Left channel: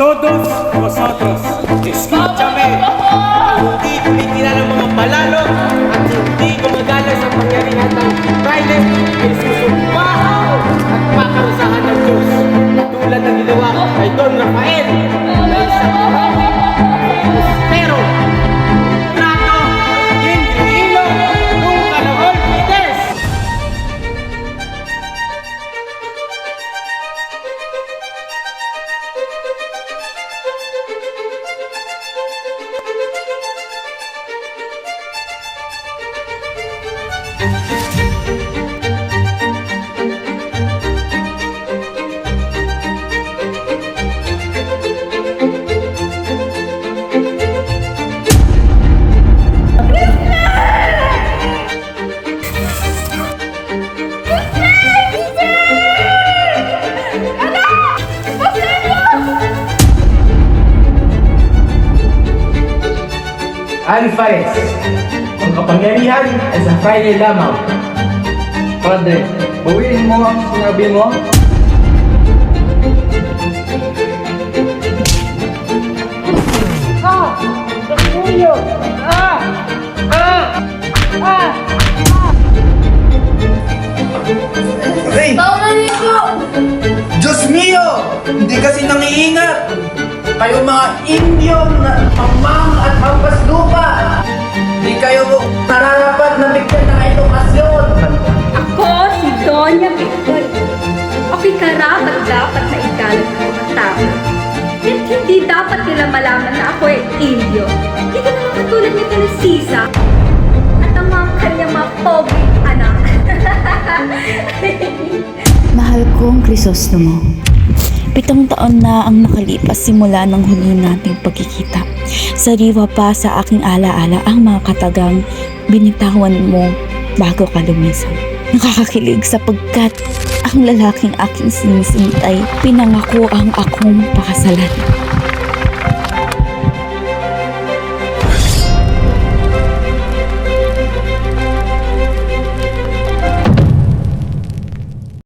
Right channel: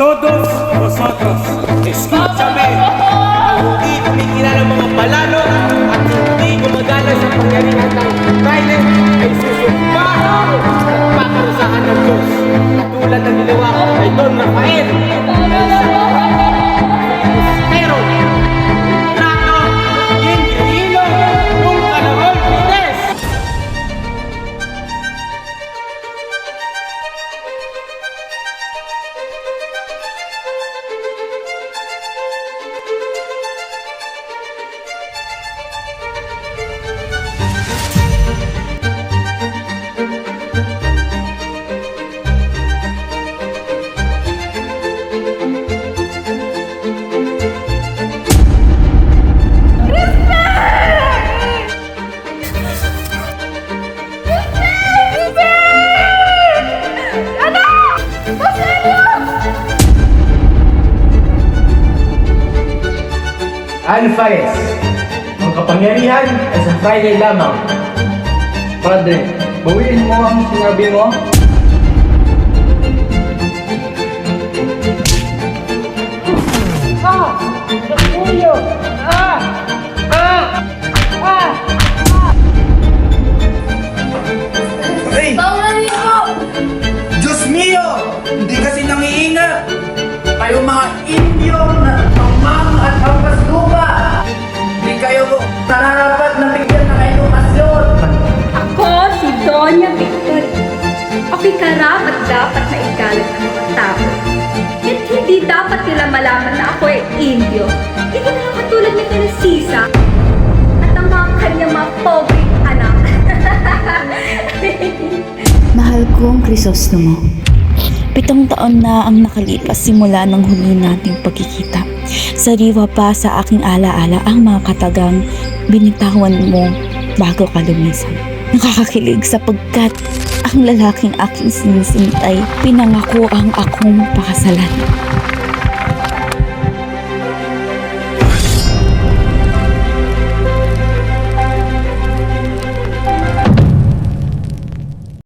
Todos vosotros, escúchame. Ang hindi kumikilala ng mga balalo at hindi gumagala sa pangyarihan ng fraile ay susumbahan at paparusahan ng Diyos. Katulad ng ginawa kay Don Rafael na isang Alvarez, ang kapangyarihan ay sa Friday lamang. Padre, bawiin mo ang sinabi mo. Ah! Basilio! Ah! Ah! Ah! Ay! Basilio! Diyos Kayo mga Indyong na mamang at hampas lupa! Hindi kayo nararapat na bigyan ng edukasyon! Ako si Doña Victory. Ako'y karapat dapat na ikalat ng mga tao. At hindi dapat nila malaman na ako ay Indio. Hindi ka na lang katulad nito ni Sisa at ang mga kanyang mga pobreng anak. Mahal kong Crisostomo. Pitong taon na ang nakalipas simula ng huli nating pagkikita. Sariwa pa sa aking alaala ang mga katagang binitawan mo bago ka lumisan. Nakakakilig sapagkat ang lalaking aking sinisintay pinangako ang akong pakasalan.